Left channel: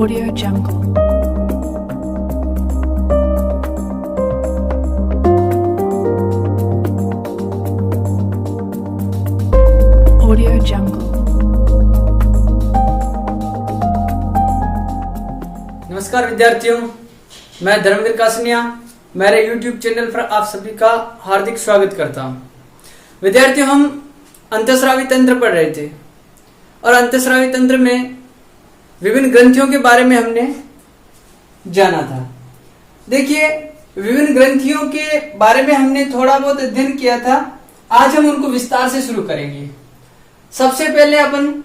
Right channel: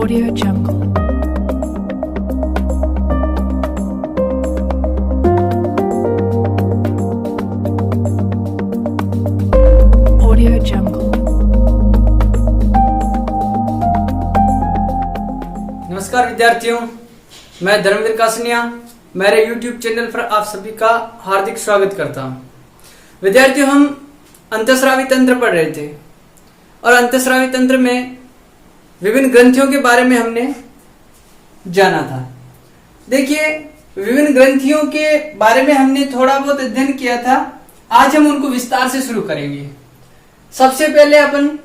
Audio Jungle. Audio Jungle. नमस्कार विद्यार्थियों, मैं धर्मेंद्र कासनिया मेरे YouTube चैनल पर आप सभी का हार्दिक स्वागत करता हूं। विद्यार्थियों, हम अंतःस्रावी तंत्र पढ़ रहे थे और अंतःस्रावी तंत्र में विभिन्न ग्रंथियों के बारे में हमने जाना था। देखिए, विभिन्न ग्रंथियों के बारे में हमने थोड़ा बहुत अध्ययन किया था। आज हम उनको विस्तार से शुरू करेंगे। सबसे पहले अपन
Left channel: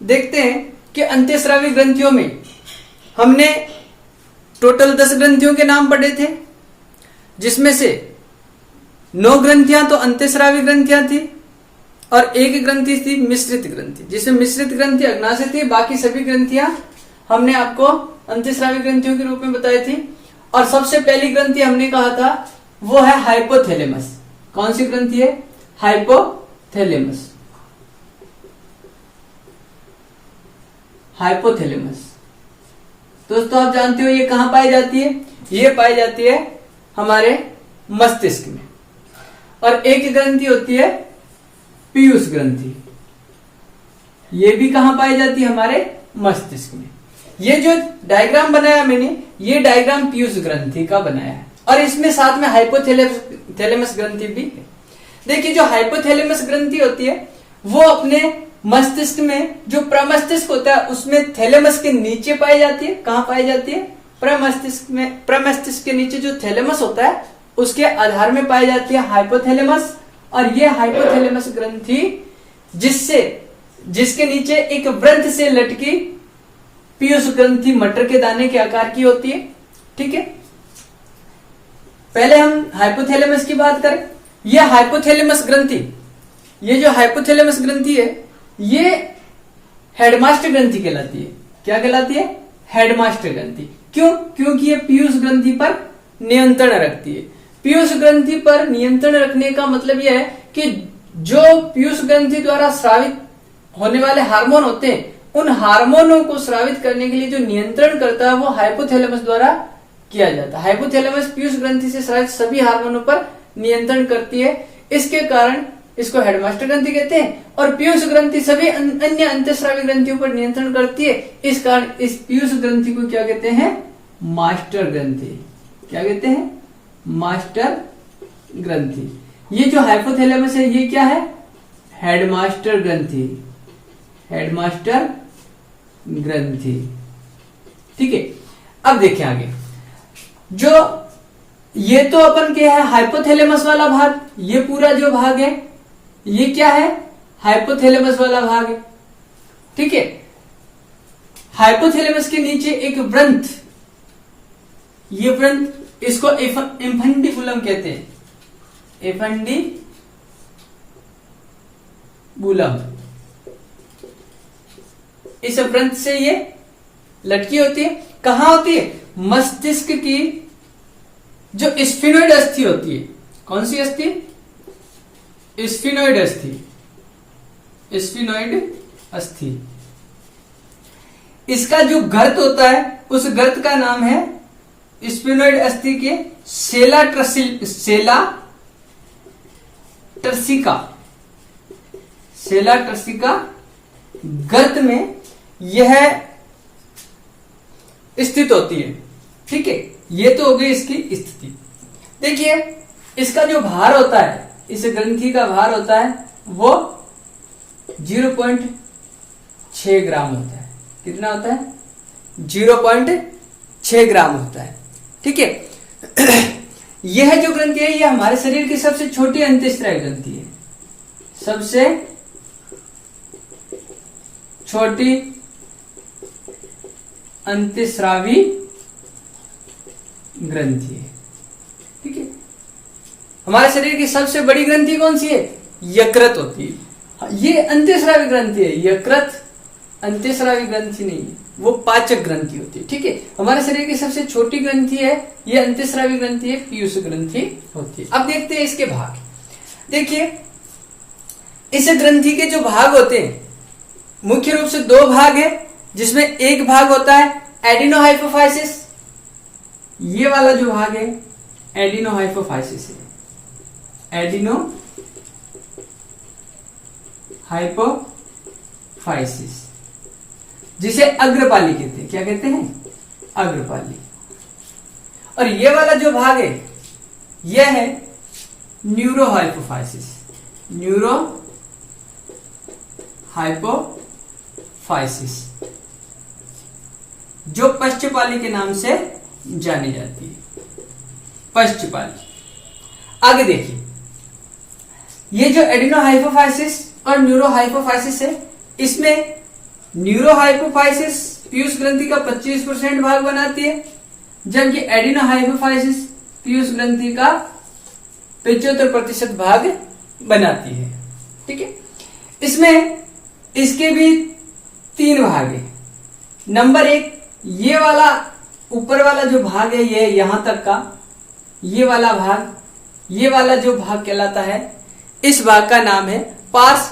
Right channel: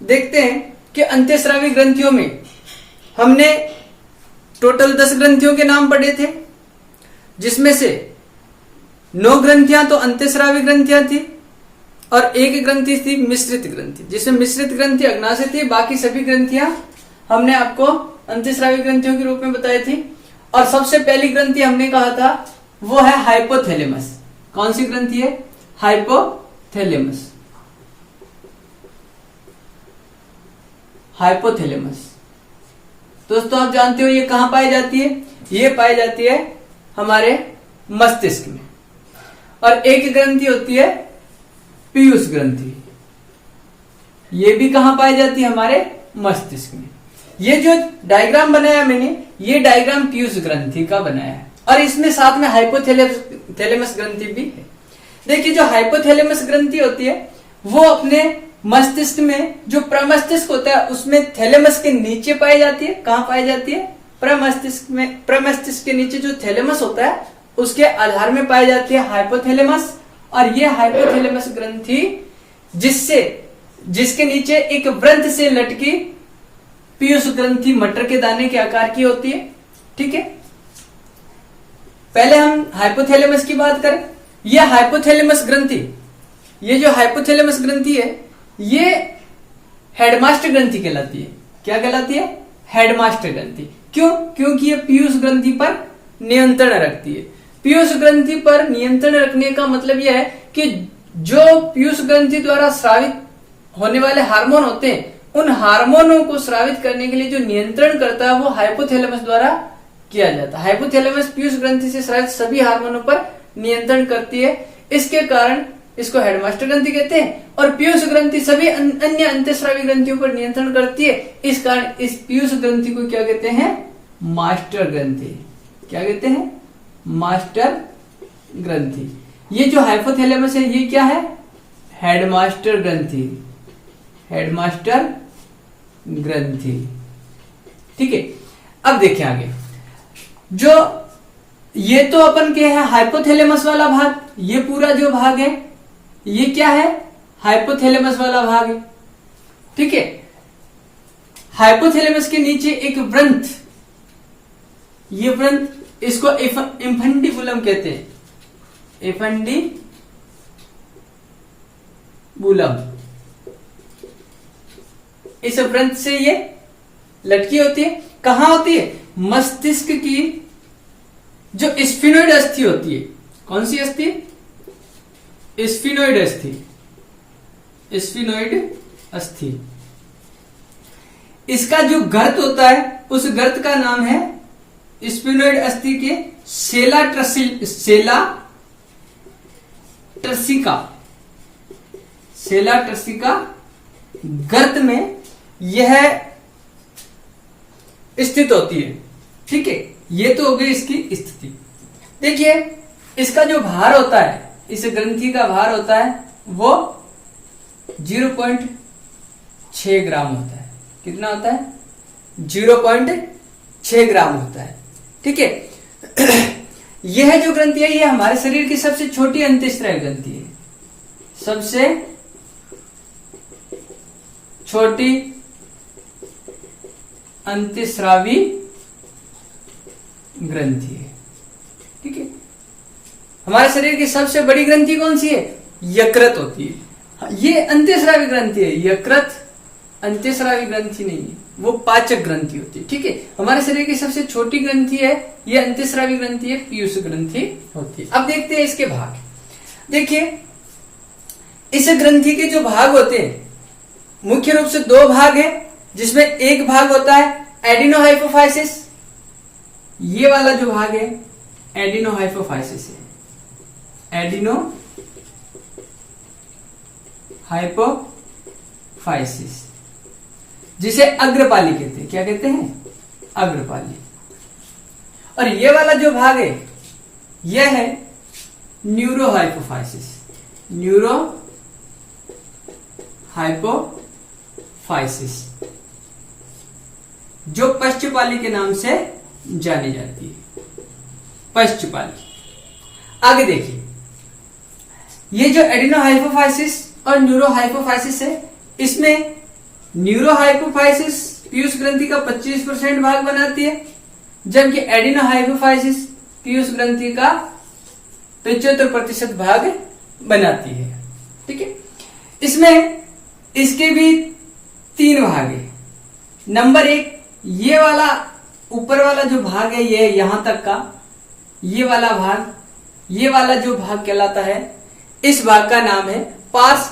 देखते हैं कि अंतःस्रावी ग्रंथियों में हमने टोटल 10 ग्रंथियों के नाम पढ़े थे, जिसमें से 9 ग्रंथियां तो अंतःस्रावी ग्रंथियां थी और एक ग्रंथि थी मिश्रित ग्रंथि, जिसमें मिश्रित ग्रंथि अग्नाशय थी। बाकी सभी ग्रंथियां हमने आपको अंतःस्रावी ग्रंथियों के रूप में बताई थी। और सबसे पहली ग्रंथि हमने कहा था वो है हाइपोथैलेमस। कौन सी ग्रंथि है? हाइपोथैलेमस। हाइपोथैलेमस दोस्तों, आप जानते हो ये कहां पाई जाती है? ये पाई जाती है हमारे मस्तिष्क में। और एक ग्रंथि होती है पीयूष ग्रंथि। ये भी कहां पाई जाती है? हमारे मस्तिष्क में। ये जो डायग्राम बनाया मैंने, ये डायग्राम पीयूष ग्रंथि का बनाया है और इसमें साथ में हाइपोथैलेमस ग्रंथि भी है। देखिए, जो हाइपोथैलेमस ग्रंथि होती है वो अपने मस्तिष्क में, जो प्रमस्तिष्क होता है उसमें थैलेमस के नीचे पाई जाती है। कहां पाई जाती है? प्रमस्तिष्क में। प्रमस्तिष्क के नीचे जो थैलेमस होता है उसके आधार में पाई जाती है हाइपोथैलेमस। और ये हाइपोथैलेमस ग्रंथि जिसके नीचे एक वृत्त से लटकी पीयूष ग्रंथि मटर के दाने के आकार की होती है। ठीक है, पहले हम हाइपोथैलेमस की बात करें। यह हाइपोथैलेमस ग्रंथि, ये जो हाइपोथैलेमस ग्रंथि है ये हेडमास्टर ग्रंथि कहलाती है। क्या कहलाती है? हेडमास्टर ग्रंथि। क्यों? क्योंकि ये पीयूष ग्रंथि पर नियंत्रण रखती है। पीयूष ग्रंथि पर नियंत्रण रखने का मतलब यह है कि जो पीयूष ग्रंथि द्वारा स्रावित होने वाले हार्मोन होते हैं, उन हार्मोनों को स्रावित करने के लिए जो नियंत्रण करता है वो हाइपोथैलेमस द्वारा किया जाता है। हाइपोथैलेमस पीयूष ग्रंथि से स्रावित सभी हार्मोनों पर नियंत्रण करती है। इसके कारण इसको हेडमास्टर ग्रंथि कहते हैं। और पीयूष ग्रंथि सभी अन्य अंतःस्रावी ग्रंथियों पर नियंत्रण करती है। इस कारण इस पीयूष ग्रंथि को क्या कहते हैं? मास्टर ग्रंथि। क्या कहते हैं? मास्टर ग्रंथि। ये जो हाइपोथैलेमस है ये क्या है? हेडमास्टर ग्रंथि। हेडमास्टर ग्रंथि। ठीक है, अब देखें आगे। जो ये तो अपन के है हाइपोथैलेमस वाला भाग, ये पूरा जो भाग है ये क्या है? हाइपोथैलेमस वाला भाग है। ठीक है, हाइपोथैलेमस के नीचे एक वृंत, ये वृंत, इसको इन्फंडिबुलम कहते हैं। इन्फंडिबुलम, इस वृंत से ये लटकी होती है। कहां होती है? मस्तिष्क की जो स्फिनोइड अस्थि होती है। कौन सी अस्थि? स्फिनोइड अस्थि। स्फिनोइड अस्थि। इसका जो गर्त होता है उस गर्त का नाम है स्फिनोइड अस्थि के सेला ट्रसिका गर्त में यह स्थित होती है। ठीक है, ये तो हो गई इसकी स्थिति। देखिए, इसका जो भार होता है, इस ग्रंथि का भार होता है वो 0.6 ग्राम होता है। कितना होता है? 0.6 ग्राम होता है। ठीक है, यह जो ग्रंथि है ये हमारे शरीर की सबसे छोटी अंतःस्रावी ग्रंथि है। सबसे छोटी अंतःस्रावी ग्रंथि है। ठीक है, हमारे शरीर की सबसे बड़ी ग्रंथि कौन सी है? यकृत होती है। ये अंतःस्रावी ग्रंथि है। यकृत अंतःस्रावी ग्रंथि नहीं है, वो पाचक ग्रंथि होती है। ठीक है, हमारे शरीर की सबसे छोटी ग्रंथि है ये अंतःस्रावी ग्रंथि है, पीयूष ग्रंथि होती है। अब देखते हैं इसके भाग। देखिए, इस ग्रंथि के जो भाग होते हैं मुख्य रूप से 2 भाग है, जिसमें एक भाग होता है एडिनोहाइपोफाइसिस, ये वाला जो भाग है एडिनोहाइपोफाइसिस है, एडिनोहाइपोफाइसिस, जिसे अग्रपाली कहते हैं। क्या कहते हैं? अग्रपाली। और ये वाला जो भाग है यह है न्यूरोहाइपोफाइसिस, न्यूरोहाइपोफाइसिस, जो पश्चपाली के नाम से जानी जाती है, पश्चपाली। आगे देखिए, ये जो एडिनोहाइपोफाइसिस और न्यूरोहाइपोफाइसिस है, इसमें न्यूरोहाइपोफाइसिस पीयूष ग्रंथि का 25% भाग बनाती है, जबकि एडिनोहाइपोफाइसिस पीयूष ग्रंथि का 75% भाग बनाती है। ठीक है, इसमें इसके भी 3 भाग है। नंबर 1, ये वाला ऊपर वाला जो भाग है, ये यहां तक का ये वाला भाग, ये वाला जो भाग कहलाता है, इस भाग का नाम है पार्स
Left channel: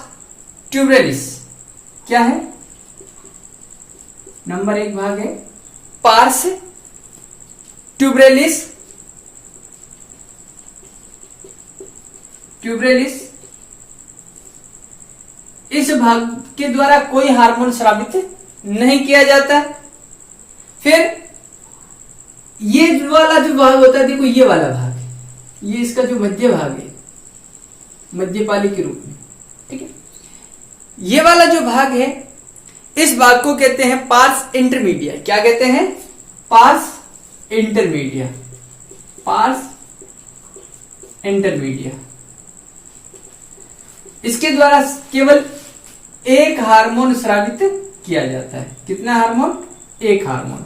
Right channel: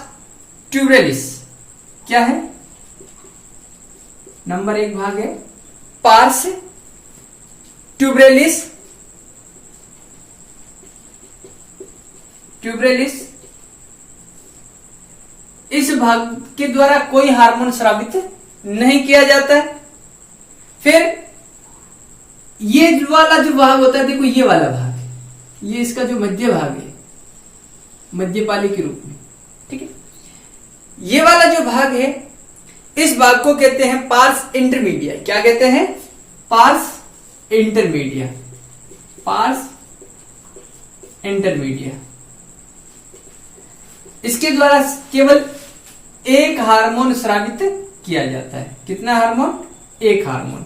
ट्यूबरेलिस। क्या है? नंबर 1 भाग है पार्स ट्यूबरेलिस, इस भाग के द्वारा कोई हार्मोन स्रावित नहीं किया जाता है। फिर ये वाला जो भाग होता है, देखो ये वाला भाग, ये इसका जो मध्य भाग है, मध्यपाली के रूप में। ठीक है, ये वाला जो भाग है, इस भाग को कहते हैं पार्स इंटरमीडिया। क्या कहते हैं? Parse intermedia, parse intermedia. इसके द्वारा केवल एक हार्मोन स्रावित किया जाता है। कितना हार्मोन? एक हार्मोन।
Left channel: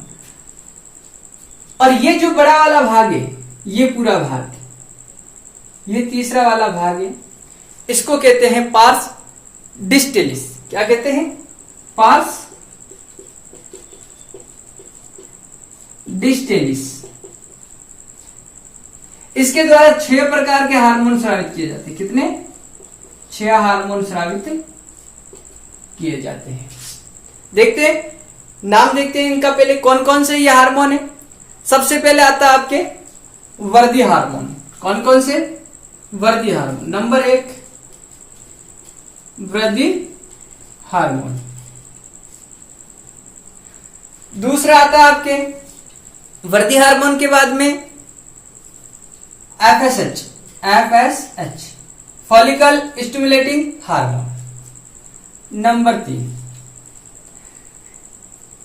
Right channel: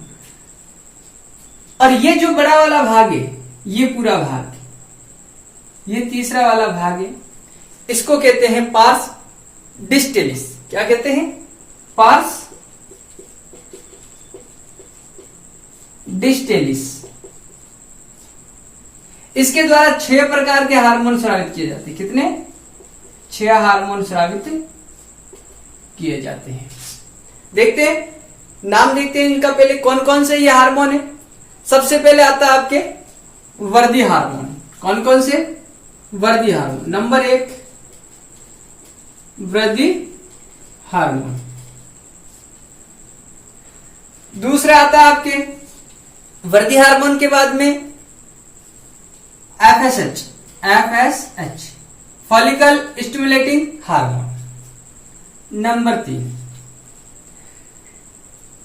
और ये जो बड़ा वाला भाग है, ये पूरा भाग, ये तीसरा वाला भाग है, इसको कहते हैं पार्स डिस्टेलिस। क्या कहते हैं? Pars distalis. इसके द्वारा 6 प्रकार के हार्मोन स्रावित किए जाते हैं। कितने? 6 हार्मोन स्रावित किए जाते हैं। देखते हैं, नाम देखते हैं इनका। पहले कौन कौन से ये हार्मोन है। सबसे पहले आता है आपके वर्दी हार्मोन। कौन कौन से? वर्दी हार्मोन। नंबर 1 वृद्धि हार्मोन। दूसरा आता है आपके वृद्धि हार्मोन के बाद में FSH, follicle stimulating hormone. Number 3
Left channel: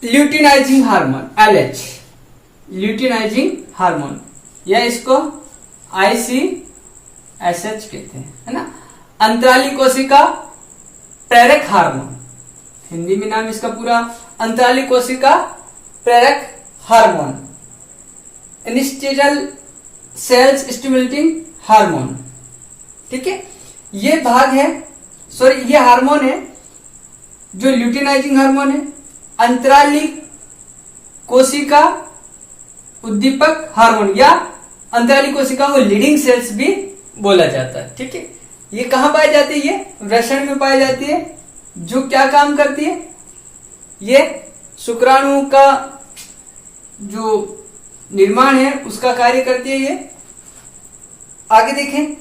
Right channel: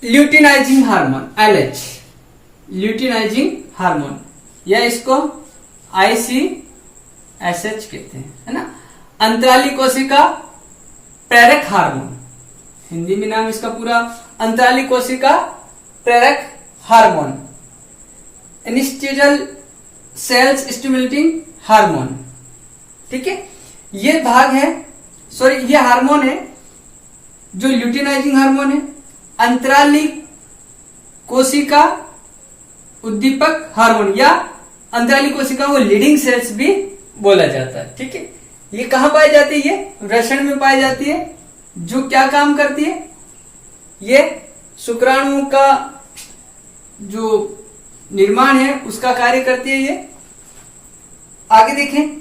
luteinizing hormone, LH, luteinizing hormone, या इसको ICSH कहते हैं, है ना। अंतराली कोशिका प्रेरक हार्मोन, हिंदी में नाम इसका पूरा अंतराली कोशिका प्रेरक hormone. Interstitial cells stimulating hormone. ठीक है, ये भाग है, सॉरी ये हार्मोन है जो ल्यूटिनाइजिंग हार्मोन है। अंतराली कोशिका उद्दीपक हार्मोन, या अंतराली कोशिकाओं को लीडिंग सेल्स भी बोला जाता है। ठीक है, ये कहां पाई जाती है? वृषण में पाई जाती है। जो क्या काम करती है? ये शुक्राणुओं का जो निर्माण है उसका कार्य करती है ये। आगे देखें,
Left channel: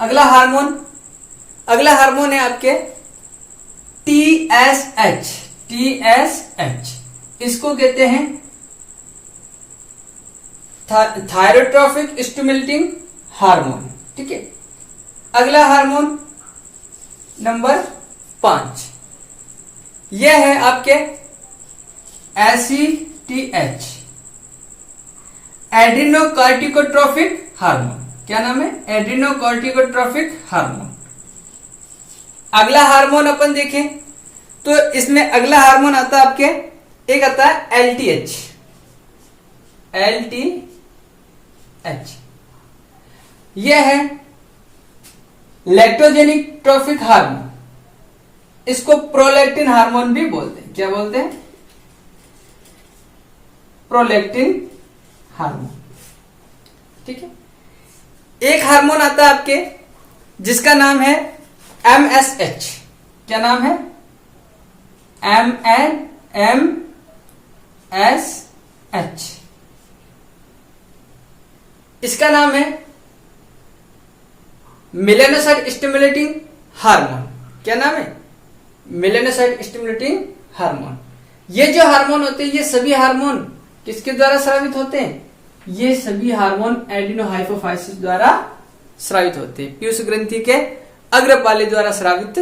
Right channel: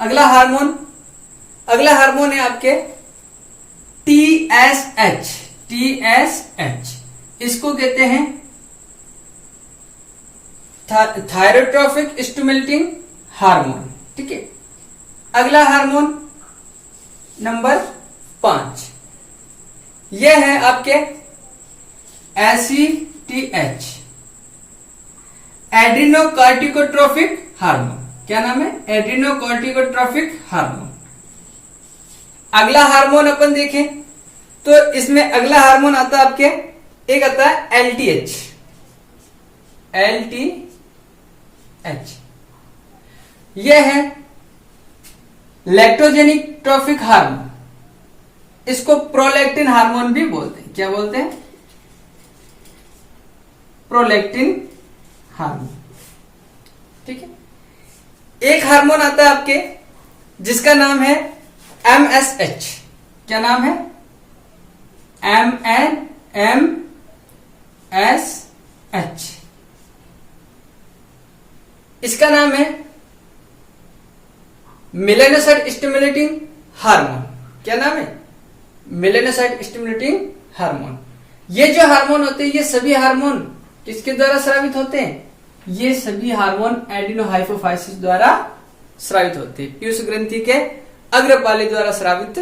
अगला हार्मोन है आपके TSH, इसको कहते हैं थायरोट्रोफिक स्टिमुलेटिंग हार्मोन। ठीक है, अगला हार्मोन नंबर 5, यह है आपके ACTH, एड्रीनोकॉर्टिकोट्रोफिक हार्मोन। क्या नाम है? एड्रीनोकॉर्टिकोट्रोफिक हार्मोन। अगला हार्मोन अपन देखें तो इसमें अगला हार्मोन आता है आपके, एक आता है LTH, यह है लैक्टोजेनिक ट्रोफिक हार्मोन। इसको प्रोलैक्टिन हार्मोन भी बोलते हैं। क्या बोलते हैं? Prolactin hormone. ठीक है, एक हार्मोन आता है आपके जिसका नाम है MSH। क्या नाम है? FSH। इसका नाम है मेलानोसाइट स्टिमुलेटिंग हार्मोन। क्या नाम है? Melanocyte stimulating hormone. ये जो हार्मोन होते हैं, ये सभी हार्मोन किसके द्वारा स्रावित होते हैं? ये सभी हार्मोन एडिनोहाइपोफाइसिस द्वारा स्रावित होते हैं, पीयूष ग्रंथि के अग्रपाली द्वारा स्रावित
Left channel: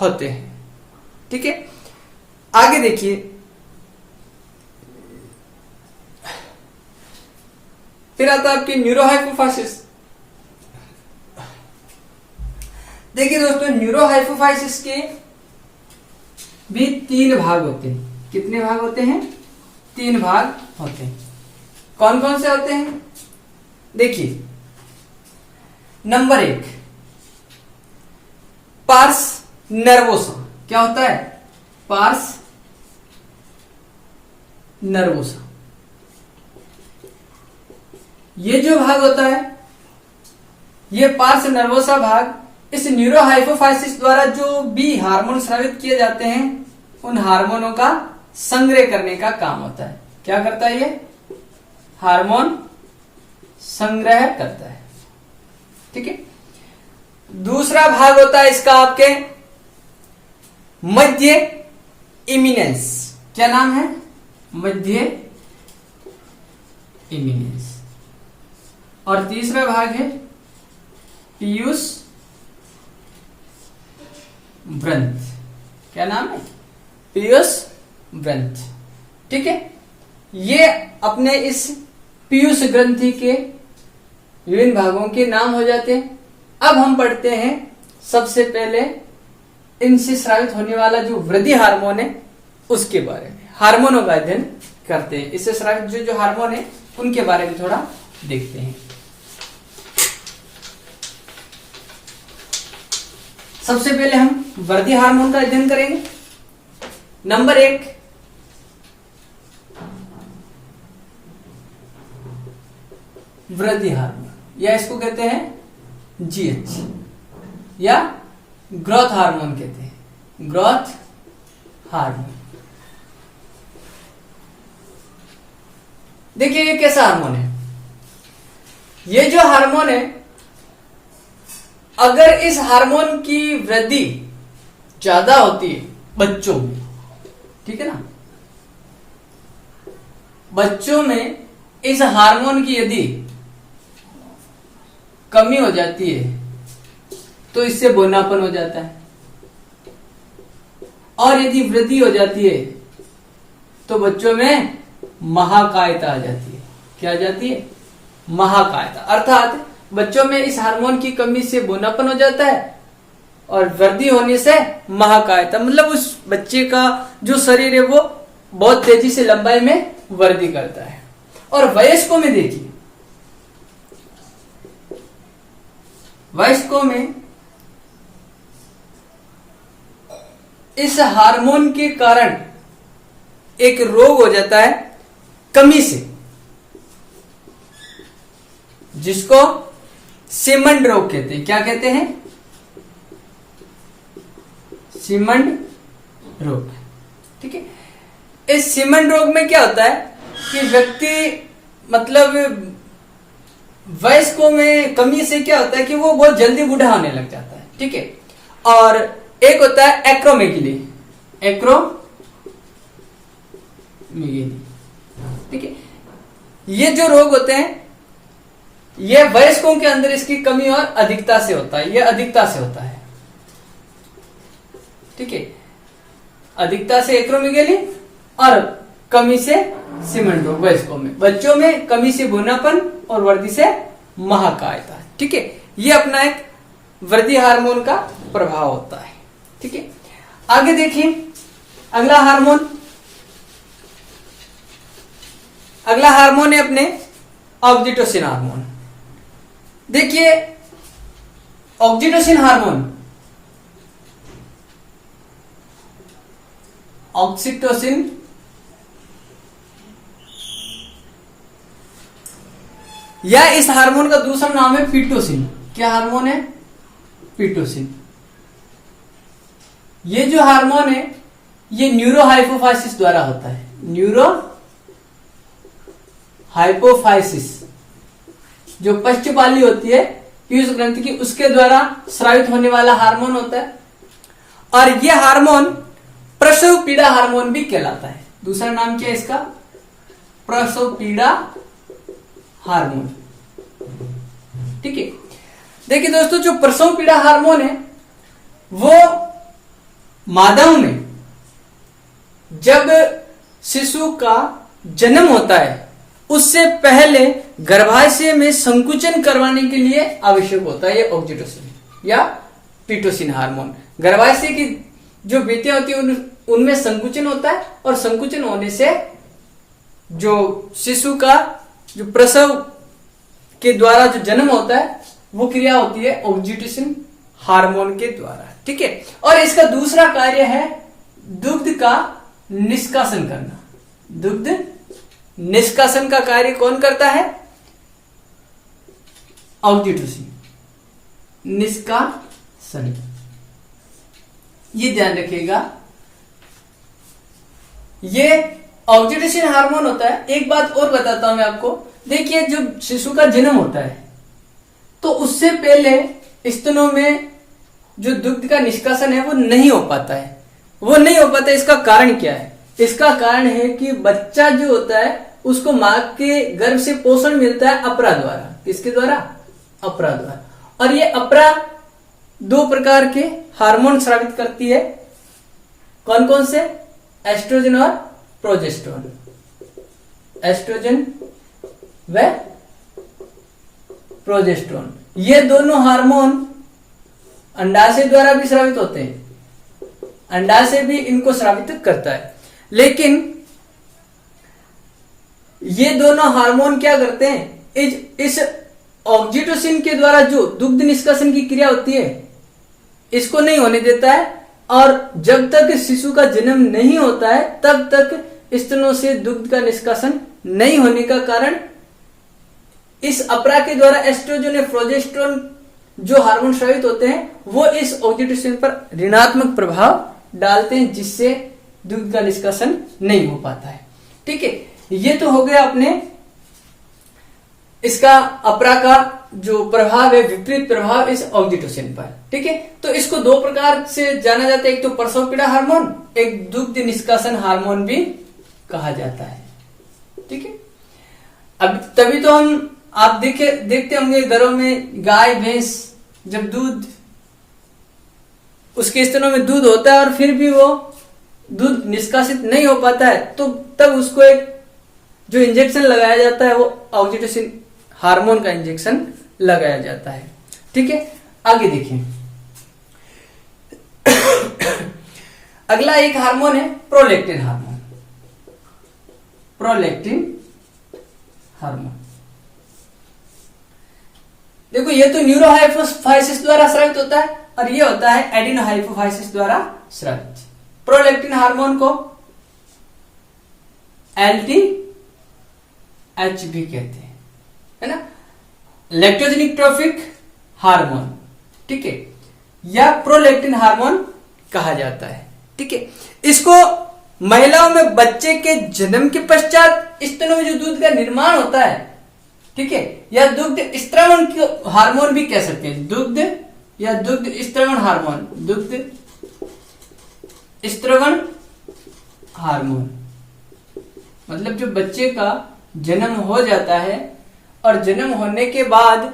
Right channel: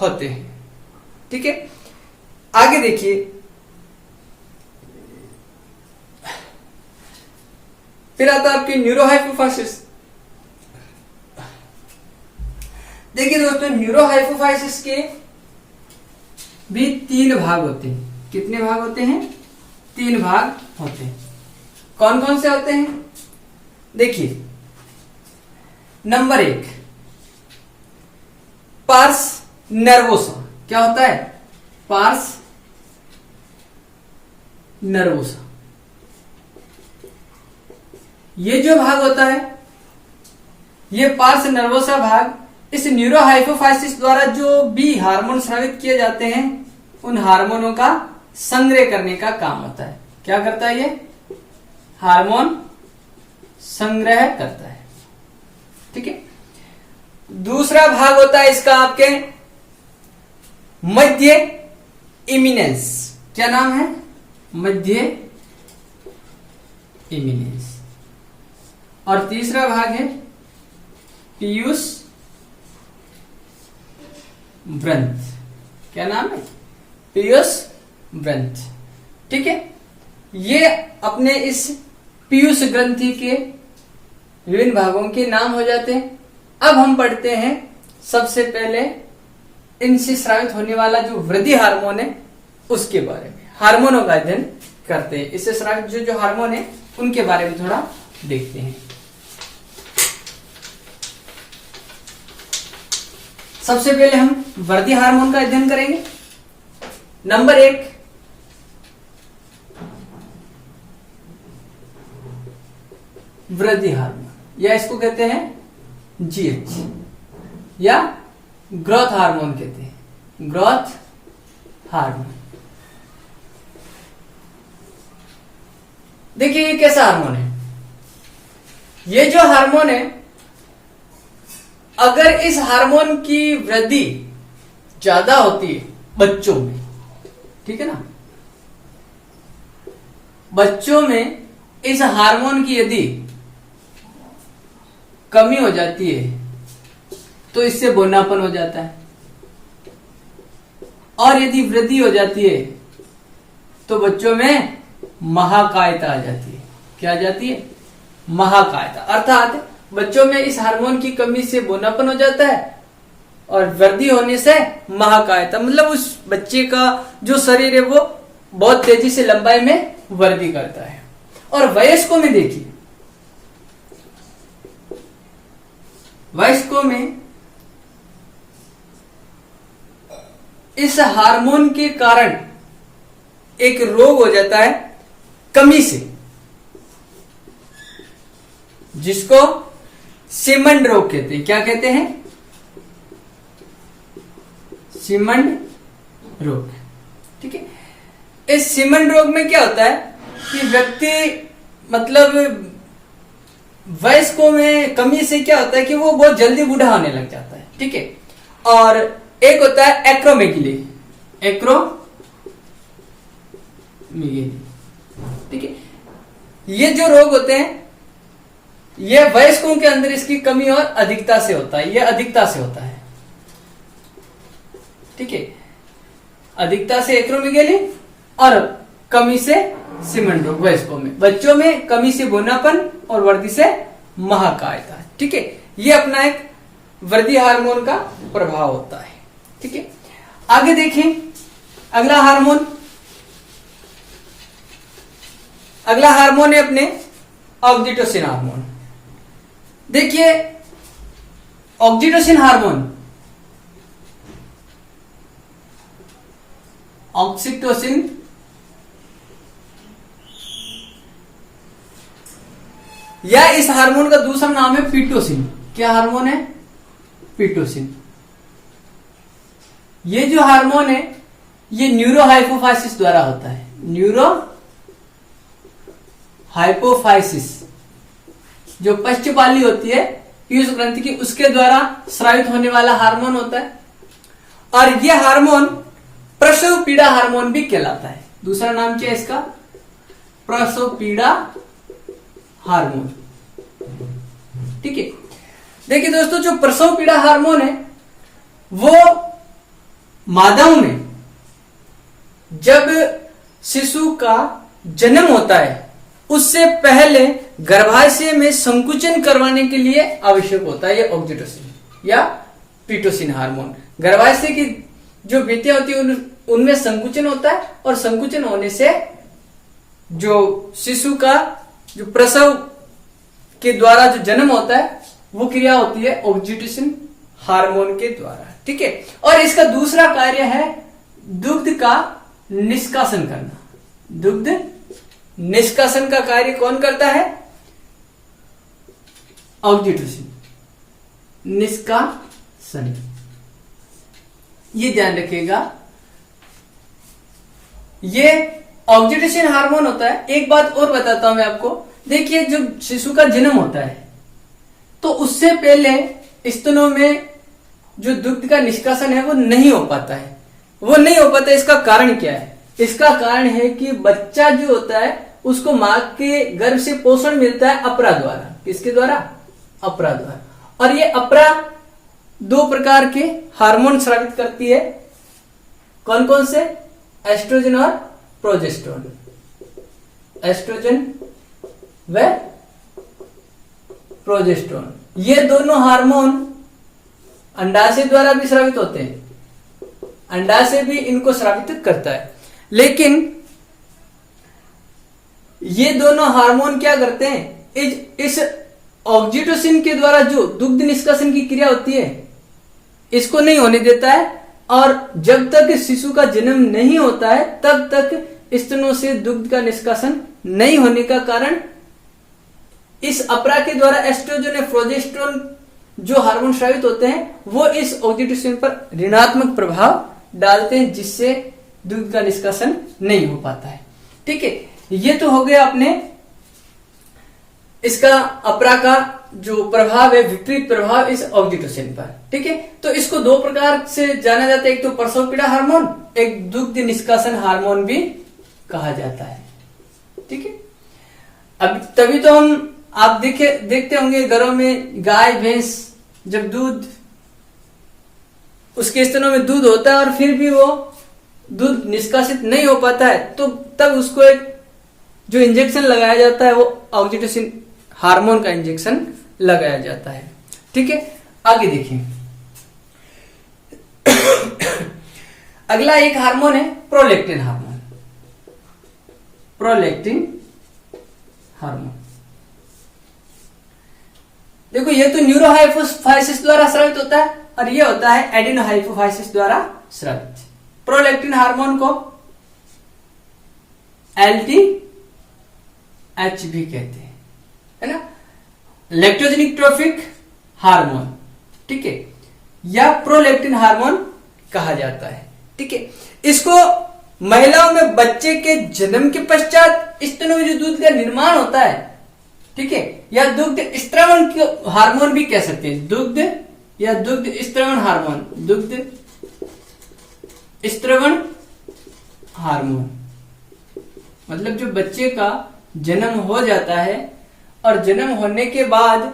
होते हैं। ठीक है, आगे देखिए, फिर आता है आपकी न्यूरोहाइपोफाइसिस। देखिए दोस्तों, न्यूरोहाइपोफाइसिस के भी 3 भाग होते हैं। कितने भाग होते हैं? 3 भाग होते हैं। कौन कौन से होते हैं? देखिए, नंबर 1 पार्स नर्वोसा। क्या होता है? Pars nervosa. ये जो भाग होता है, ये पार्स नर्वोसा भाग इस न्यूरोहाइपोफाइसिस द्वारा जो भी हार्मोन स्रावित किए जाते हैं, उन हार्मोनों का संग्रह करने का काम होता है। क्या करता है ये? हार्मोन संग्रह करता है। ठीक है। दूसरा भाग होता है इसका आपके मध्य इमिनेंस। क्या नाम है? मध्य इमिनेंस। और तीसरा भाग है पीयूष व्रंथ। क्या नाम है? पीयूष व्रंथ। ठीक है, ये अपने इस पीयूष ग्रंथि के विभिन्न भागों के नाम हो जाते हैं। अब हम पढ़ते हैं सबसे पहले इनसे स्रावित होने वाला जो वृद्धि हार्मोन है उसके बारे में। हार्मोनों का अध्ययन करते हैं। इससे स्रावित जो हार्मोन है उनके बारे में थोड़ा देखते हैं। सबसे पहले हम वृद्धि हार्मोन का अध्ययन करेंगे। नंबर 1 वृद्धि हार्मोन, या इसको कहते हैं GH, या ग्रोथ हार्मोन कहते हैं। Growth hormone. देखिए, ये कैसा हार्मोन है? ये जो हार्मोन है, अगर इस हार्मोन की वृद्धि ज्यादा होती है बच्चों में, ठीक है ना, बच्चों में इस हार्मोन की यदि कमी हो जाती है तो इससे बोनापन हो जाता है, और यदि वृद्धि हो जाती है तो बच्चों में महाकायता आ जाती है। क्या आ जाती है? महाकायता। अर्थात बच्चों में इस हार्मोन की कमी से बोनापन हो जाता है और वृद्धि होने से महाकायता, मतलब उस बच्चे का जो शरीर है वो बहुत तेजी से लंबाई में वृद्धि करता है। और वयस्कों में देखिए, वयस्कों में इस हार्मोन के कारण एक रोग हो जाता है कमी से, जिसको सीमंड रोग कहते हैं। क्या कहते हैं? सीमंड रोग। ठीक है। इस सीमंड रोग में क्या होता है कि व्यक्ति, मतलब वयस्कों में कमी से क्या होता है कि वो बहुत जल्दी बूढ़ा होने लग जाता है। ठीक है। और एक होता है एक्रोमेगली। ठीक है। ये जो रोग होते हैं, ये वयस्कों के अंदर इसकी कमी और अधिकता से होता है। ये अधिकता से होता है। ठीक है। अधिकता से एक्रोमेगली और कमी से सीमंड रोग वयस्कों में। बच्चों में कमी से बोनापन और वृद्धि से महाकायता। ठीक है। ये अपना एक वृद्धि हार्मोन का प्रभाव होता है। ठीक है। आगे देखें, अगला हार्मोन है अपने ऑक्सीटोसिन हार्मोन। देखिए, ऑक्सीटोसिन हार्मोन, ऑक्सीटोसिन या इस हार्मोन का दूसरा नाम है पीटोसिन। क्या हार्मोन है? पीटोसिन। ये जो हार्मोन है ये न्यूरोहाइपोफाइसिस द्वारा होता है। न्यूरोहाइपोफाइसिस हाइपोफाइसिस, जो पश्चपाली होती है पीयूष ग्रंथि की, उसके द्वारा स्रावित होने वाला हार्मोन होता है। और यह हार्मोन प्रसव पीड़ा हार्मोन भी कहलाता है। दूसरा नाम क्या है इसका? प्रसव पीड़ा हार्मोन। ठीक है, देखिए दोस्तों, जो प्रसव पीड़ा हार्मोन है वो मादाओं में जब शिशु का जन्म होता है उससे पहले गर्भाशय में संकुचन करवाने के लिए आवश्यक होता है। ये ऑक्सीटोसिन या पिटोसिन हार्मोन। गर्भाशय की जो भित्तियां होती है उनमें संकुचन होता है, और संकुचन होने से जो शिशु का जो प्रसव के द्वारा जो जन्म होता है वो क्रिया होती है ऑक्सीटोसिन हार्मोन के द्वारा। ठीक है, और इसका दूसरा कार्य है दुग्ध का निष्कासन करना। दुग्ध निष्कासन का कार्य कौन करता है? ऑक्सीटोसिन निष्कासन। ये ध्यान रखिएगा, ये ऑक्सीटोसिन हार्मोन होता है। एक बात और बताता हूं मैं आपको, देखिए जब शिशु का जन्म होता है तो उससे पहले स्तनों में जो दुग्ध का निष्कासन है वो नहीं हो पाता है। वो नहीं हो पाता, इसका कारण क्या है? इसका कारण है कि बच्चा जो होता है उसको मां के गर्भ से पोषण मिलता है अपरा द्वारा। किसके द्वारा? अपरा द्वारा। और ये अपरा दो प्रकार के हार्मोन स्रावित करती है। कौन कौन से? एस्ट्रोजन और प्रोजेस्टेरोन। एस्ट्रोजन व प्रोजेस्टेरोन, ये दोनों हार्मोन अंडाशय द्वारा भी स्रावित होते हैं। अंडाशय भी इनको स्रावित करता है, लेकिन ये दोनों हार्मोन क्या करते हैं? इस ऑक्सीटोसिन के द्वारा जो दुग्ध निष्कासन की क्रिया होती है इसको नहीं होने देता है, और जब तक शिशु का जन्म नहीं होता है तब तक स्तनों से दुग्ध का निष्कासन नहीं होने का कारण इस अपरा के द्वारा एस्ट्रोजन और प्रोजेस्टेरोन जो हार्मोन स्रावित होते हैं वो इस ऑक्सीटोसिन पर ऋणात्मक प्रभाव डालते हैं, जिससे दुग्ध का निष्कासन नहीं हो पाता है। ठीक है, ये तो हो गया अपने इसका अपरा का जो प्रभाव है, विपरीत प्रभाव इस ऑक्सीटोसिन पर। ठीक है, तो इसको दो प्रकार से जाना जाता है, एक तो प्रसव पीड़ा हार्मोन, एक दुग्ध निष्कासन हार्मोन भी कहा जाता है। ठीक है, अब तभी तो हम आप देखते होंगे घरों में गाय भैंस जब दूध, उसके स्तनों में दूध होता है और फिर भी वो दूध निष्कासित नहीं हो पाता है, तो तब उसको एक जो इंजेक्शन लगाया जाता है वो ऑक्सीटोसिन हार्मोन का इंजेक्शन लगाया जाता है। ठीक है, आगे देखिए। अगला एक हार्मोन है प्रोलैक्टिन हार्मोन। प्रोलैक्टिन हार्मोन, देखो ये तो न्यूरोहाइपोफाइसिस द्वारा स्रावित होता है और ये होता है एडिनोहाइपोफाइसिस द्वारा स्रावित। प्रोलैक्टिन हार्मोन को LTH भी कहते हैं, है ना, लैक्टोजेनिक ट्रोफिक हार्मोन। ठीक है, या प्रोलैक्टिन हार्मोन कहा जाता है। ठीक है, इसको महिलाओं में बच्चे के जन्म के पश्चात स्तनों में जो दूध का निर्माण होता है, ठीक है, या दुग्ध स्त्रवण हार्मोन भी कह सकते हैं। दुग्ध या दुग्ध स्त्रवण हार्मोन, दुग्ध स्त्रवण हार्मोन मतलब जो बच्चे का जन्म हो जाता है और जन्म होने के बाद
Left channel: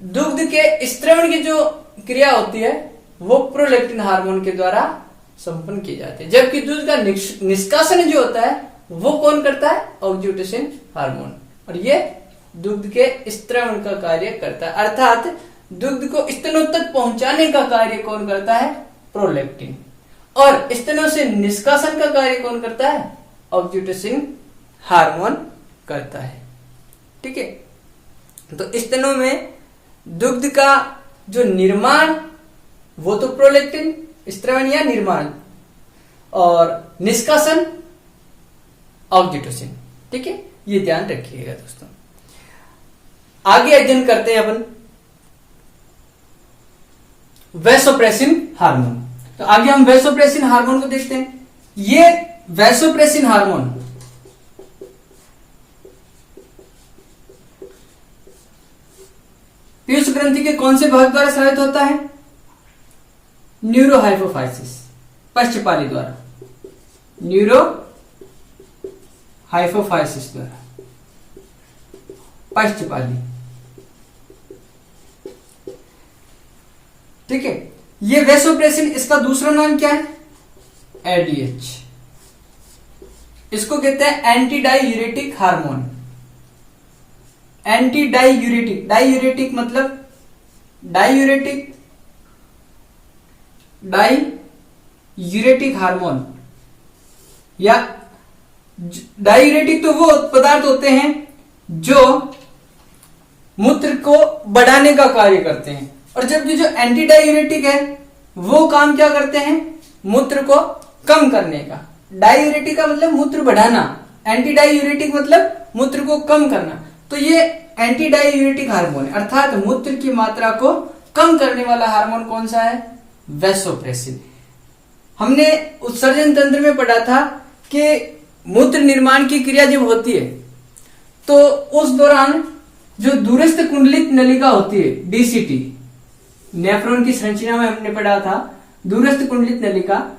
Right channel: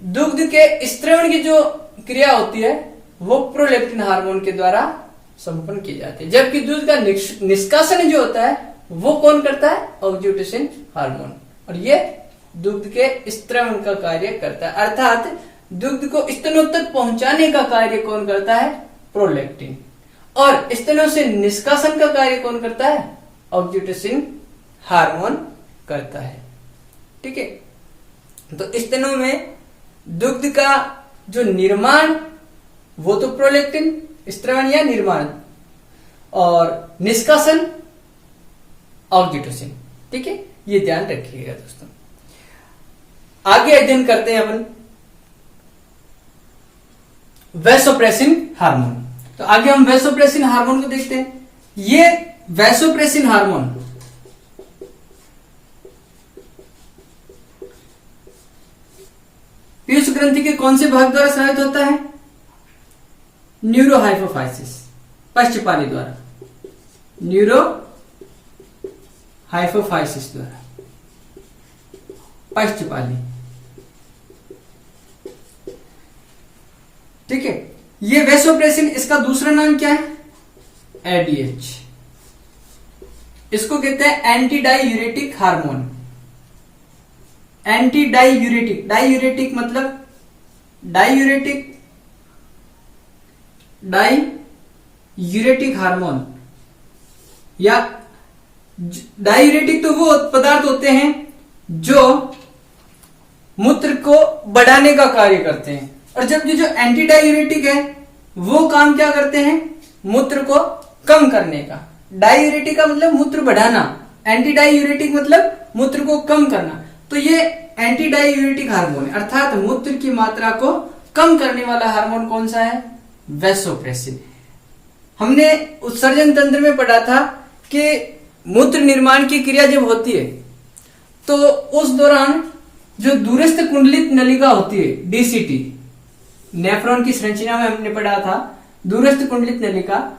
दुग्ध के स्त्रवण की जो क्रिया होती है वो प्रोलैक्टिन हार्मोन के द्वारा संपन्न की जाती है, जबकि दूध का निष्कासन जो होता है वो कौन करता है? ऑक्सीटोसिन हार्मोन, और ये दुग्ध के स्त्रवण का कार्य करता है, अर्थात दुग्ध को स्तनों तक पहुंचाने का कार्य कौन करता है? प्रोलैक्टिन। और स्तनों से निष्कासन का कार्य कौन करता है? ऑक्सीटोसिन हार्मोन करता है। ठीक है, तो स्तनों में दुग्ध का जो निर्माण वो तो प्रोलैक्टिन, स्त्रवण या निर्माण, और निष्कासन ऑक्सीटोसिन। ठीक है, ये ध्यान रखिएगा दोस्तों। आगे अध्ययन करते हैं अपन वैसोप्रेसिन हार्मोन। तो आगे हम वैसोप्रेसिन हार्मोन को देखते हैं। ये वैसोप्रेसिन हार्मोन ग्रंथि के कौन से भाग द्वारा स्रावित होता है? न्यूरोहाइपोफाइसिस, पश्चपाली द्वारा, न्यूरोहाइपोफाइसिस द्वारा, पश्चपाली। ठीक है, ये वैसोप्रेसिन, इसका दूसरा नाम क्या है? एडीएच। इसको कहते हैं anti diuretic hormone. Anti diuretic, diuretic मतलब डायूरेटिक हार्मोन, या डायूरेटिक तो वो पदार्थ होते हैं जो मूत्र को बढ़ाने का कार्य करते हैं, और जबकि जो एंटी डायूरेटिक है वो काम क्या करते हैं? मूत्र को कम करने का। डायूरेटिक का मतलब मूत्र बढ़ाना, एंटी डायूरेटिक मतलब मूत्र को कम करना। तो ये एंटी डायूरेटिक हार्मोन है, अर्थात मूत्र की मात्रा को कम करने वाला हार्मोन कौन सा है? वैसोप्रेसिन। हमने उत्सर्जन तंत्र में पढ़ा था कि मूत्र निर्माण की क्रिया जब होती है तो उस दौरान जो दूरस्थ कुंडलित नलिका होती है, डीसीटी, नेफ्रॉन की संरचना में हमने पढ़ा था दूरस्थ कुंडलित नलिका,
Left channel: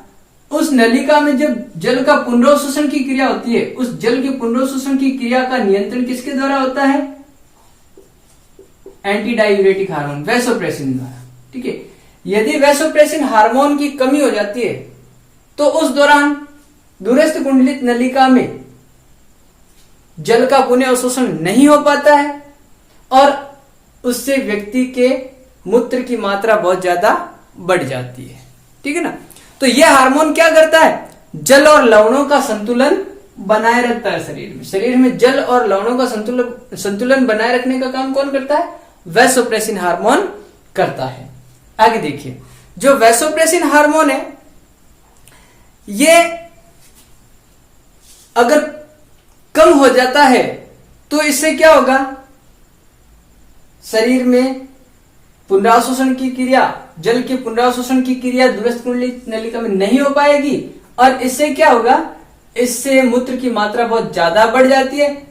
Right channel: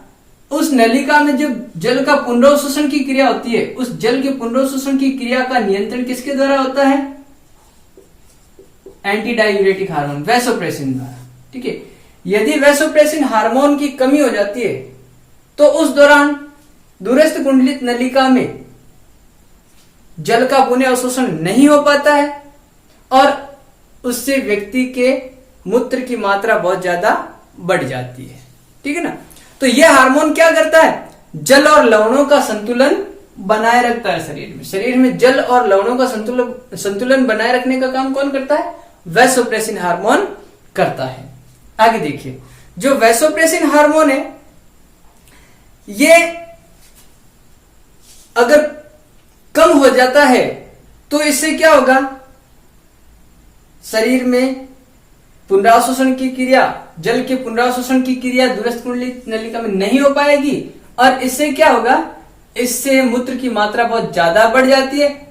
उस नलिका में जब जल का पुनरोत्शोषण की क्रिया होती है, उस जल के पुनरोत्शोषण की क्रिया का नियंत्रण किसके द्वारा होता है? एंटी डायूरेटिक हार्मोन, वैसोप्रेसिन द्वारा। ठीक है, यदि वैसोप्रेसिन हार्मोन की कमी हो जाती है तो उस दौरान दूरस्थ कुंडलित नलिका में जल का पुनः अवशोषण नहीं हो पाता है और उससे व्यक्ति के मूत्र की मात्रा बहुत ज्यादा बढ़ जाती है। ठीक है ना। तो यह हार्मोन क्या करता है? जल और लवणों का संतुलन बनाए रखता है शरीर में। शरीर में जल और लवणों का संतुलन बनाए रखने का काम कौन करता है? वैसोप्रेसिन हार्मोन करता है। आगे देखिए, जो वैसोप्रेसिन हार्मोन है ये अगर कम हो जाता है तो इससे क्या होगा? शरीर में पुनरावशोषण की क्रिया, जल के पुनरावशोषण की क्रिया दूरस्थ कुंडलित नलिका में नहीं हो पाएगी और इससे क्या होगा? इससे मूत्र की मात्रा बहुत ज्यादा बढ़ जाती है।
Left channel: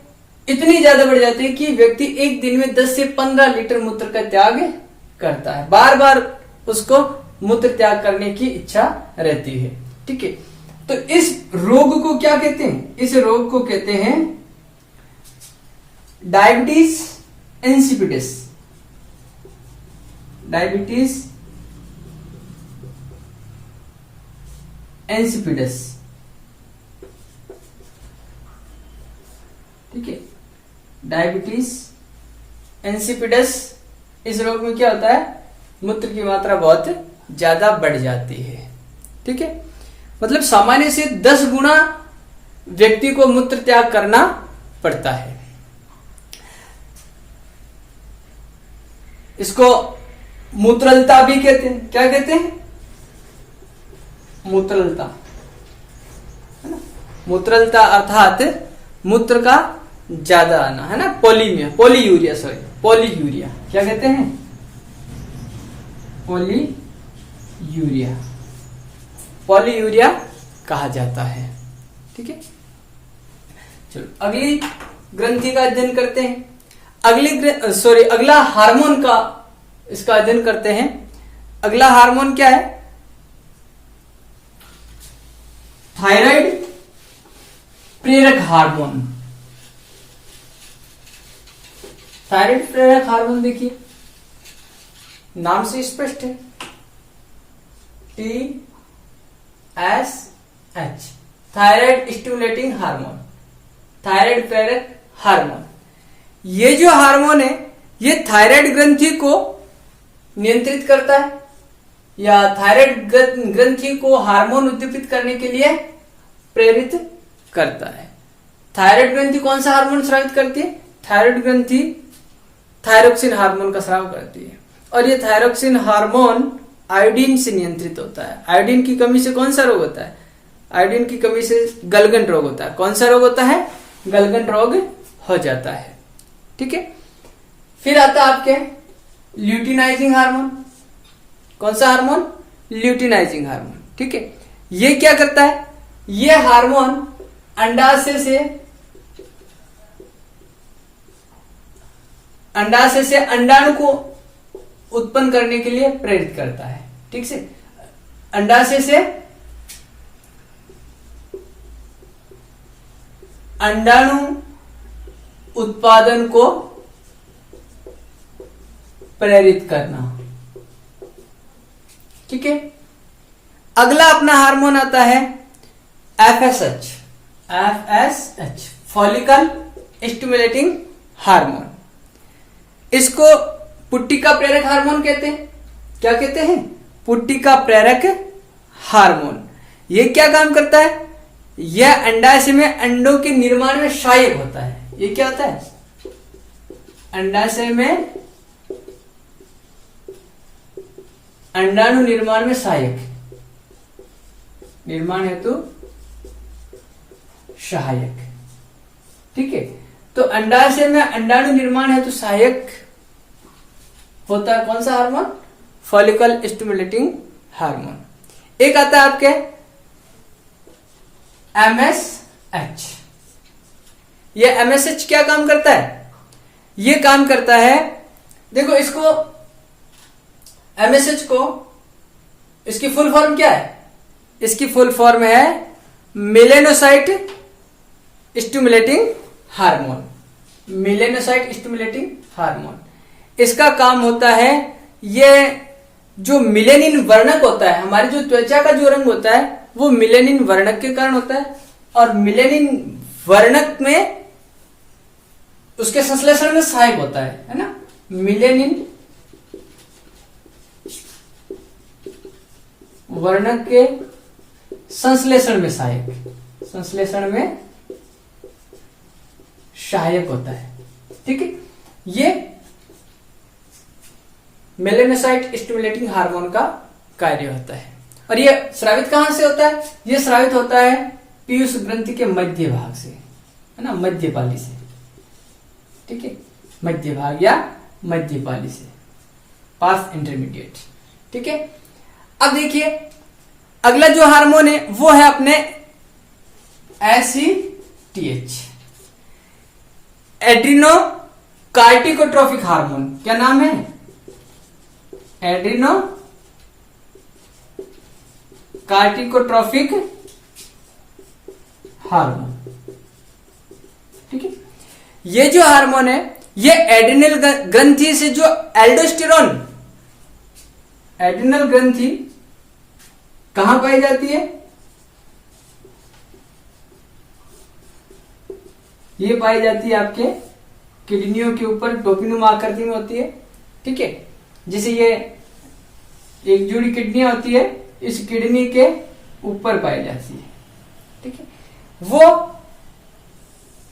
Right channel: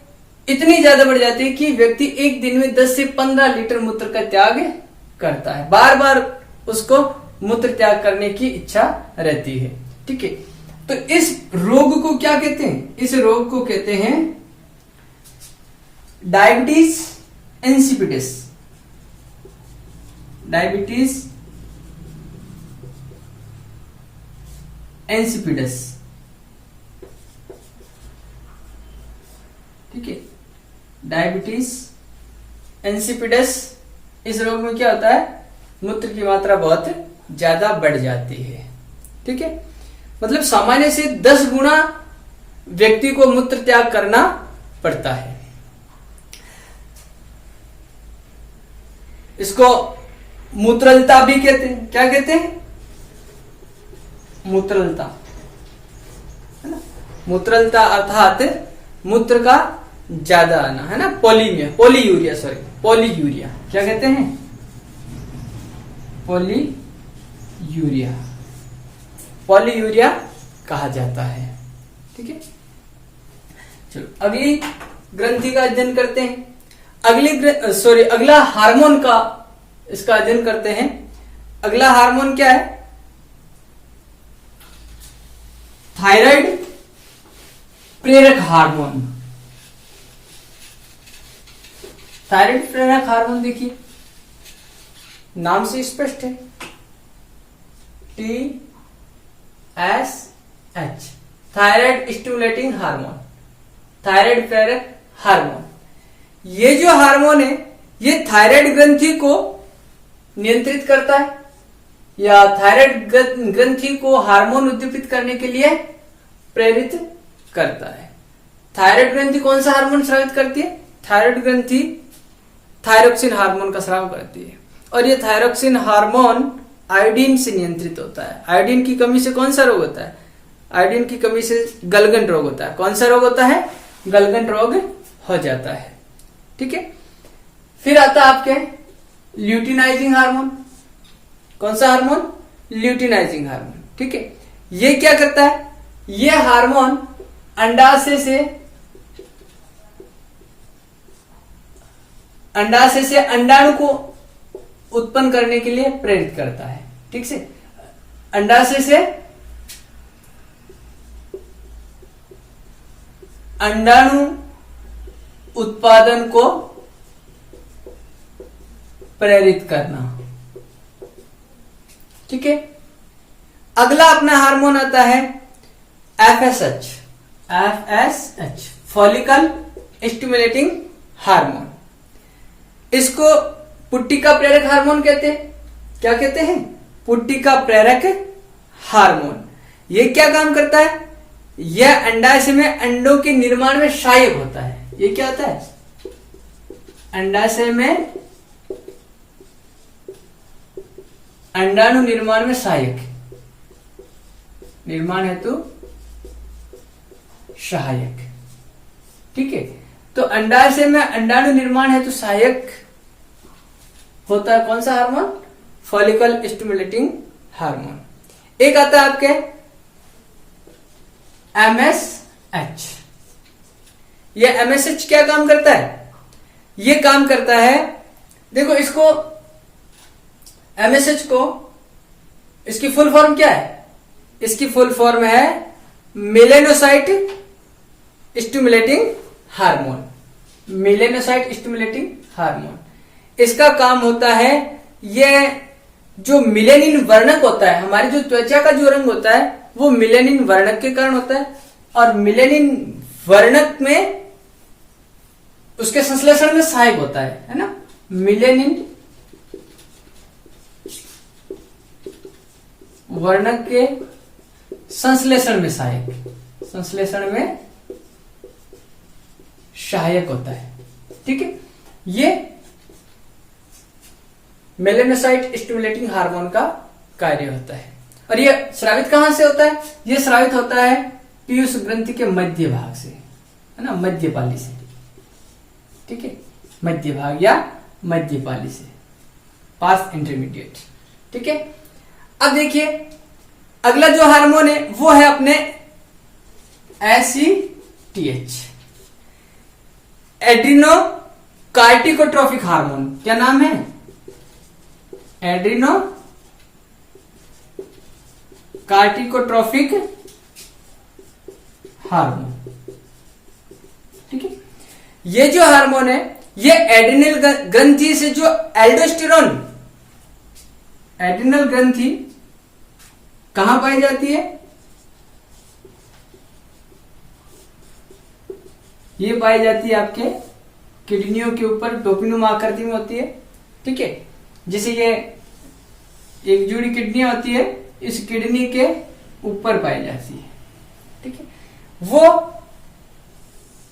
इतनी ज्यादा बढ़ जाती है कि व्यक्ति एक दिन में 10 से 15 लीटर मूत्र का त्याग करता है। बार बार उसको मूत्र त्याग करने की इच्छा रहती है। ठीक है, तो इस रोग को क्या कहते हैं? इस रोग को कहते हैं डायबिटीज इंसिपिडस। Diabetes insipidus. ठीक है, डायबिटीज इंसिपिडस, इस रोग में क्या होता है? मूत्र की मात्रा बहुत ज्यादा बढ़ जाती है। ठीक है, मतलब सामान्य से 10 गुना व्यक्ति को मूत्र त्याग करना पड़ता है। इसको मूत्रलता भी कहते हैं। क्या कहते हैं? मूत्रलता, है ना। मूत्रलता अर्थात मूत्र का ज्यादा आना, है ना। पॉलीयूरिया, पॉलीयूरिया क्या कहते हैं? पॉलीयूरिया कहा जाता है। ठीक है, चलो अगली ग्रंथि का अध्ययन करते हैं। अगला हार्मोन का इसका अध्ययन करते हैं। अगला हार्मोन क्या है? थायराइड प्रेरक हार्मोन। थायराइड प्रेरक हार्मोन देखिए, नाम से स्पष्ट है, TSH, thyroid stimulating hormone, thyroid प्रेरक हार्मोन। ये जो हार्मोन है ये थायराइड ग्रंथि को नियंत्रित करता है या थायराइड ग्रंथि को हार्मोन उद्दीपित करने के लिए प्रेरित करता है। थायराइड ग्रंथि कौन सा हार्मोन स्रावित करती है? थायराइड ग्रंथि थायरोक्सिन हार्मोन का स्राव करती है और ये थायरोक्सिन हार्मोन आयोडीन से नियंत्रित होता है। आयोडीन की कमी से कौन सा रोग होता है? आयोडीन की कमी से गलगन रोग होता है। कौन सा रोग होता है? गलगन रोग हो जाता है। ठीक है, फिर आता है आपके ल्यूटिनाइजिंग हार्मोन। कौन सा हार्मोन? Luteinizing hormone. ठीक है, ये क्या करता है? ये हार्मोन अंडाशय से अंडाणु को उत्पन्न करने के लिए प्रेरित करता है। ठीक से, अंडाशय से अंडाणु उत्पादन को प्रेरित करना। ठीक है, अगला अपना हार्मोन आता है FSH, फॉलिकल स्टिमुलेटिंग हार्मोन। इसको पुट्टिका प्रेरक हार्मोन कहते हैं। क्या कहते हैं? पुट्टिका प्रेरक हार्मोन। ये क्या काम करता है? यह अंडाशय में अंडों के निर्माण में सहायक होता है। ये क्या होता है? अंडाशय में अंडाणु निर्माण में सहायक, निर्माण हेतु सहायक। ठीक है, तो अंडाशय में अंडाणु निर्माण हेतु सहायक होता है कौन सा हार्मोन? Follicle stimulating hormone. एक आता है आपके MSH। ये MSH क्या काम करता है? ये काम करता है, देखो इसको MSH को, इसकी फुल फॉर्म क्या है? इसकी फुल फॉर्म है melanocyte stimulating hormone. Melanocyte stimulating hormone, इसका काम होता है, ये जो मिलेनिन वर्णक होता है, हमारी जो त्वचा का जो रंग होता है वो मिलेनिन वर्णक के कारण होता है, और मिलेनिन वर्णक में उसके संश्लेषण में सहायक होता है ना। मिलेनिन वर्णक के संश्लेषण में सहायक, संश्लेषण में सहायक होता है। ठीक है, ये मेलेनोसाइट स्टिमुलेटिंग हार्मोन का कार्य होता है। और ये स्रावित कहां से होता है? ये स्रावित होता है पीयूष ग्रंथि के मध्य भाग से, है ना, मध्यपाली से। ठीक है, मध्य भाग या मध्यपाली से, पास इंटरमीडिएट। ठीक है, अब देखिए अगला जो हार्मोन है वो है अपने ACTH, एड्रीनो कार्टिकोट्रोफिक हार्मोन। क्या नाम है? Adreno corticotrophic hormone. ठीक है, ये जो हार्मोन है ये एड्रिनल ग्रंथि से जो एल्डोस्टेरोन, एड्रिनल ग्रंथि कहां पाई जाती है? ये पाई जाती है आपके किडनियों के ऊपर, टोपीनुमा आकृति में होती है। ठीक है, जैसे ये एक जोड़ी किडनियां होती है, इस किडनी के ऊपर पाई जाती है। ठीक है, वो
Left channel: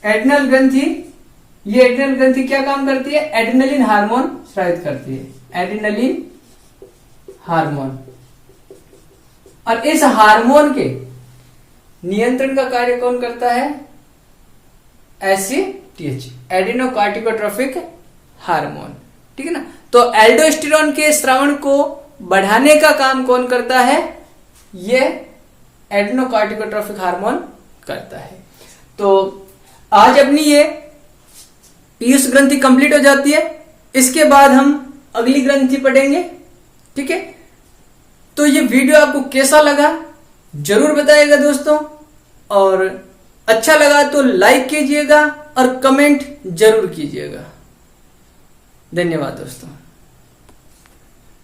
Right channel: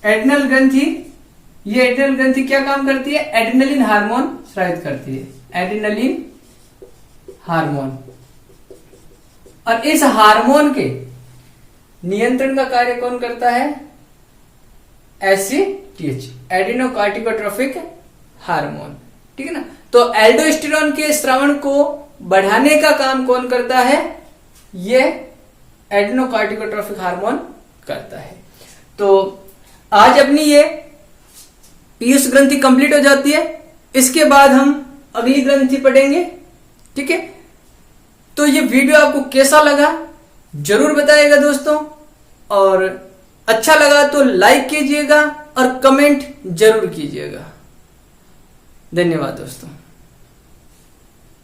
एड्रिनल ग्रंथि, ये एड्रिनल ग्रंथि क्या काम करती है? एड्रिनलिन हार्मोन स्रावित करती है, एड्रिनलिन हार्मोन। और इस हार्मोन के नियंत्रण का कार्य कौन करता है? ACTH, adrenocorticotrophic hormone. ठीक है ना, तो एल्डोस्टेरोन के स्रावण को बढ़ाने का काम कौन करता है? ये एड्रिनोकार्टिकोट्रोफिक हार्मोन करता है। तो आज अपनी ये पीयूष ग्रंथि कंप्लीट हो जाती है। इसके बाद हम अगली ग्रंथि पढ़ेंगे। ठीक है, तो ये वीडियो आपको कैसा लगा जरूर बताइएगा दोस्तों, और अच्छा लगा तो लाइक कीजिएगा और कमेंट जरूर कीजिएगा। धन्यवाद दोस्तों।